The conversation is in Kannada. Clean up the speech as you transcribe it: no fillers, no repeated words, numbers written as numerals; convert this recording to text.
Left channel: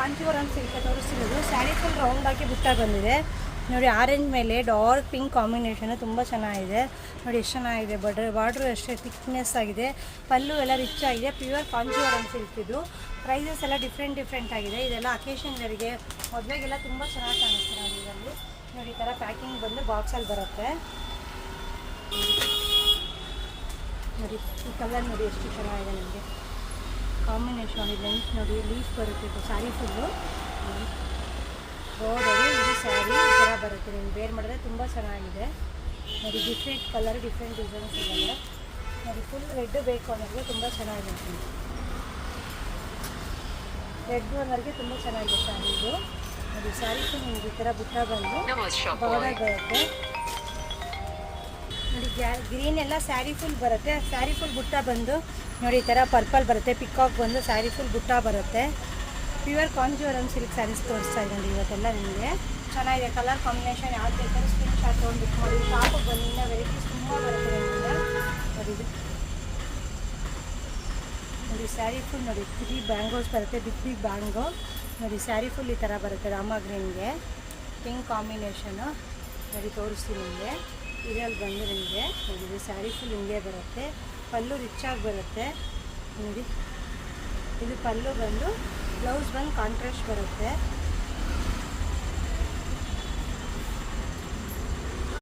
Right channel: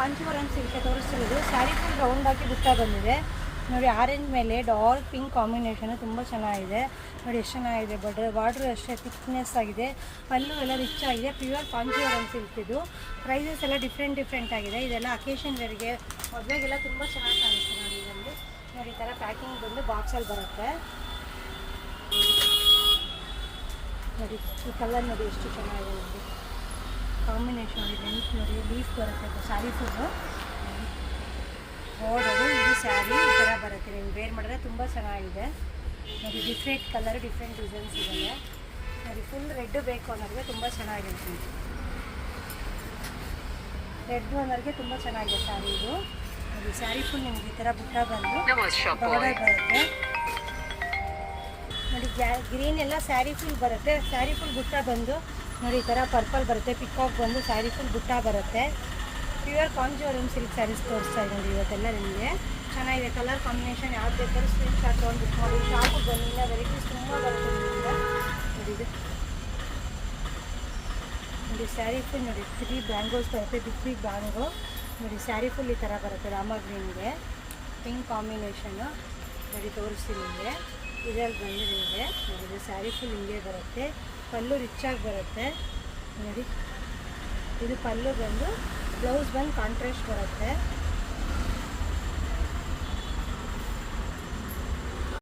ಕಾಂಚೀವರಂ ಸಿಲ್ಕ್ ತೋರಿಸ್ತಿರೋದು. ಸ್ಯಾರಿ ಫುಲ್ ರೌಂಡ್ ಆಗಿ ಬುಟ್ಟ ಬಂದಿದೆ ನೋಡಿ. ಆರೆಂಜ್ ಮೇಲೆ ಡಾರ್ಕ್ ಪಿಂಕ್ ಕಾಂಬಿನೇಷನ್ ತುಂಬ ಚೆನ್ನಾಗಿದೆ ನೋಡಿ. ಎಷ್ಟು ಚೆನ್ನಾಗಿದೆ. ಬಾರ್ಡ್ರು ಅಷ್ಟೇ ಥಿಕ್ನೆಸ್ ಆಗಿದೆ. ಪಲ್ಲು ಎಲ್ಲ ರಿಚ್ ಆಗಿದೆ. ಪ್ಯೂರ್ ಕಾಂಚೀವರಂ ಸಿಲ್ಕ್ ಇದು. ಪ್ರೈಸಸ್ ಎಲ್ಲ ಡಿಫ್ರೆಂಟ್ ಆಗಿದೆ. ಇದೆಲ್ಲ ಅಕೇಶನ್ಗಳಿಗೆ ಮದುವೆಗೆಲ್ಲ ತುಂಬ ಚೆನ್ನಾಗಿ ಕಾಣಿಸ್ತು ನೋಡಿ. ಇದರಲ್ಲಿ ನೋಡಿ ಈ ಥರ ಪ್ಯಾಕಿಂಗ್ ಬಂದು ಬಾಕ್ಸಲ್ಲಿ ಬರುತ್ತೆ ನೋಡಿ. ಈ ಕಲರ್ ನೋಡಿ ಎಷ್ಟು ಚೆನ್ನಾಗಿದೆ. ನಿಮಗೆ ಕಾಂಬಿನೇಷನ್ ಇದೆ. ಲೆಂತ್ ನೋಡಿ, ಲೀಫ್ ಬರುತ್ತೆ ಸ್ಯಾರಿ ಫುಲ್ಲು. ನೋಡೋದು ಇದು ಸ್ಯಾರಿ ಈ ಥರ ಬರುತ್ತೆ. ನೀವು ವೇರ್ ಮಾಡಿದ್ರೆ ತುಂಬ ಚೆನ್ನಾಗಿದೆ ನೋಡಿ. ಡಿಫ್ರೆಂಟ್ ಕಲರ್, ಡಿಫ್ರೆಂಟ್ ಡಿಸೈನ್ಸ್ ಇದೆ ನೋಡಿ. ಫುಲ್ ರೆಡ್ ಬೇಕು ಅನ್ನೋರಿಗೆ ತುಂಬ ಚೆನ್ನಾಗಿದೆ. ರೆಡ್ ಅನ್ನೋರಿಗೆ ತುಂಬ ಚೆನ್ನಾಗಿದೆ ಸ್ಯಾರಿ ಇದು ನೋಡಿ. ಸ್ಯಾರಿ ಫುಲ್ ನಿಮಗೆ ಈ ಥರ ಬುಟ್ಟ ಬಂದು ಬಾರ್ಡರ್ ಬರುತ್ತೆ ನೋಡಿ. ಗ್ರೀನ್ ಎಲ್ಲ ಸ್ಯಾರಿ ಫುಲ್ ಬರುತ್ತೆ. ಸ್ಯಾರಿ ಫುಲ್ ಬುಟ್ಟ ಬಂದು ನೋಡಿ ಈ ಥರ ಪರ್ಪಲ್ ಬರುತ್ತೆ. ಪಿಕಾಕ್ ಬಂದು ಸ್ಯಾರಿ ಫುಲ್ ಬುಟ್ಟ ಬರುತ್ತೆ. ಪ್ಯೂರ್ ಕಾಂಚೀವರಂ ಸಿಲ್ಕ್ ಸ್ಯಾರೀಸ್ ತೋರಿಸ್ತಾ ಇದ್ದೀನಿ ಇವತ್ತೆಲ್ಲ ನಿಮಗೆ. ಚೆನ್ನಾಗಿದೆ. ಕಲರ್ ಕಾಂಬಿನೇಷನ್ ಯಾವ್ದು ಬೇಕಾದ್ರೂ ಸ್ಕ್ರೀನ್ ಶಾಟ್ ತೊಗೊಂಡು ಬಿಟ್ಟು ಮಾಡಿ. ಶಾಪಿಗೆ ಬನ್ನಿ, ಇನ್ನೂ ವೆರೈಟೀಸ್ ತುಂಬ ಬರುತ್ತೆ ನಿಮ್ಮಿಂದ ನೋಡಿ. ಇದು ನೋಡಿ ಸ್ಯಾರಿ ಫುಲ್ ನೋಡಿ. 3 ಬ್ಯಾಂಗೋಸ್ ಬರುತ್ತೆ. ಬಿಗ್ ಬ್ಯಾಂಗೋ ನೋಡಿ. ಸ್ಯಾರಿ ಫುಲ್ ಈ ಥರ ಬರುತ್ತೆ. ರಾಮ ಗ್ರೀನ್ಗೆ ಪಿಂಕ್ ಕಾಂಬಿನೇಷನು ನೋಡಿ ತೋರಿಸ್ತೀನಿ ನಿಮಗೆ. ಇದರಲ್ಲಿ ಬಂದು ನಿಮಗೆ ನೋಡಿ ಸ್ಯಾರಿ ಫುಲ್ ಹಿಂಗೆ ಬರುತ್ತೆ. ಪಲ್ಲು ರಿಚಾಗಿ ಬರುತ್ತೆ ನೋಡಿ. ಇದು ಪಲ್ಲು ಬಂದು, ಬ್ಲೌಸ್ ಬಂದು ಕಾಂಟ್ರಾಸ್ಟ್ ಬರುತ್ತೆ.